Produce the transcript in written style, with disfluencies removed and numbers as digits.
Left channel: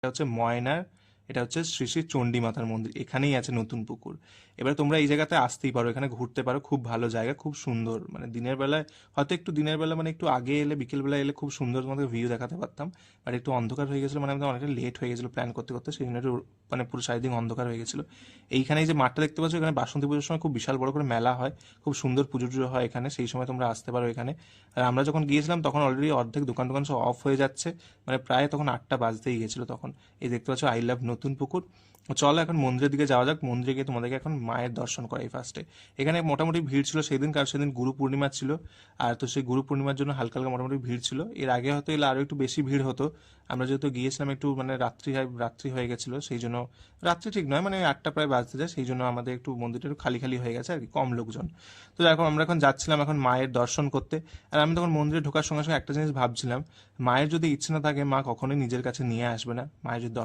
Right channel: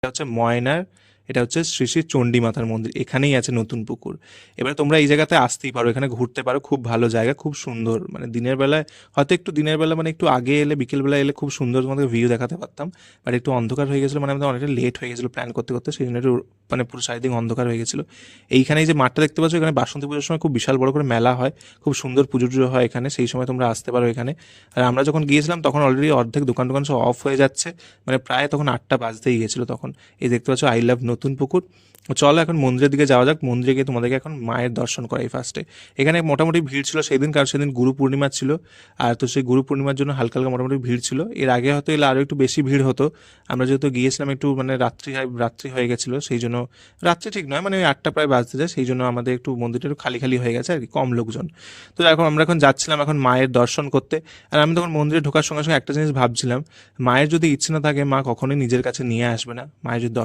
এটা হচ্ছে ময়নার, এটা হচ্ছে শ্রী শ্রী চণ্ডী মাতার মন্দির, এখানেই আছে নতুন পুকুর। এবার তোমরা এই জায়গাতে আসতেই পারো, এখানে ঘুরতে পারো, খুব ভালো জায়গা, খুব সুন্দর। মানে দিনের বেলায় হয়তো একটু দিনের বেলা মানে একটু আগে এলে, বিকেলবেলা এলে খুব সুন্দর তোমাদের ভিউ দেখাতে পারতাম। বাট একটু অন্ধকার হয়ে গেছিলো, মানে আমাদের অনেকটা লেট হয়ে গেছিলো প্ল্যান করতে করতে, সেই জন্য একটু মানে পুরো চারিদিক অন্ধকার হয়ে গেছিলো। এইখানে এই যে মাঠটা দেখতে পাচ্ছ, এখানে বাসন্তী পুজোর সময় খুব বিশাল বড় করে মেলা হয়, খুব সুন্দর পুজো টুজো হয় এখানে, সেই সময় তোমরা আসতে পারো এখানে। আর আমরা যখন গিয়েছিলাম তখন অলরেডি অর্ধেক দোকান টোকান সব অফ হয়ে যাচ্ছে, মানে প্রায় তখন 8টা বাজতেই গেছিলো তখন। এই দেখতে পাচ্ছ আই লাভ নতুন পুকুর। চলো এখন মন্দিরের দিকে যাওয়া যাক, মন্দিরে গিয়ে তোমাদেরকে এখন মায়ের দর্শন করাই ফার্স্টে। এখানে মোটামুটি ভিড় ছিল সেই দিন, কারণ সেদিন গুরু পূর্ণিমা ছিল। আর তো সেই গুরু পূর্ণিমার জন্য হালকা হালকা মোটামুটি ভিড় ছিল। এর আগে হয়তো এলে আরও একটু বেশি ভিড় হতো। আমরা যেহেতু গিয়েছিলাম একটু মানে রাত্রি হয়ে গেছিলো, সেই জন্য, রাত্রি ঠিক নয় মানে ওই 8টা প্রায় বাজতে যায়, সেই জন্য আমাদের একটু মন্দিরটা একটু খালি খালি হয়ে গেছে আর কি, কম লোকজন। তো এখন আমরা এখন যাচ্ছিলাম এখন মায়ের দর্শন করতে। আর আমি তখন মন্দিরে ঢোকার সঙ্গে সঙ্গে একটা জিনিস ভাবছিলাম, মায়ের যদি ইচ্ছে না থাকে মা কখনোই নিজের কাছে নিয়ে আসবে না। মায়ের যদি